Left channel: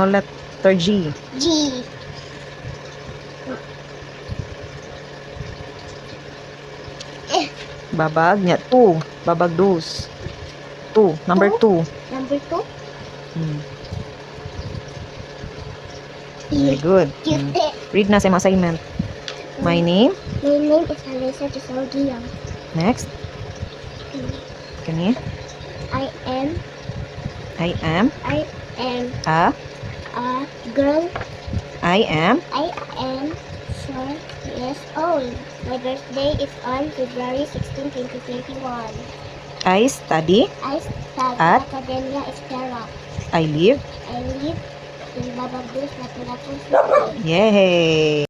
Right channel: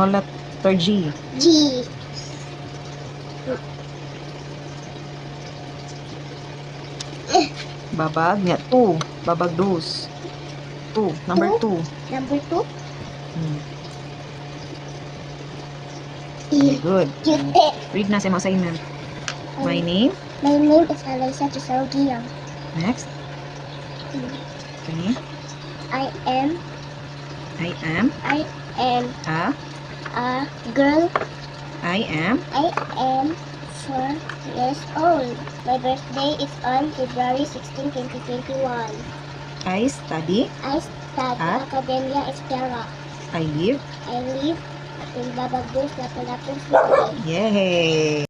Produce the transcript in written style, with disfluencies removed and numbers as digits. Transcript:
small letter G. G. Babag niya. 2. Babag dos. 2. Number 2. Number 2. Very good. Cute. Read na sa assignment. My name. My name is Alyssa Giselle. Next. Kani. I am I am a girl. I am 4 years old. My birthday is on February 16, 2021. I study I study At? Academia Estera. I live. I live in Babagdos, Lapu-Lapu City. Yay!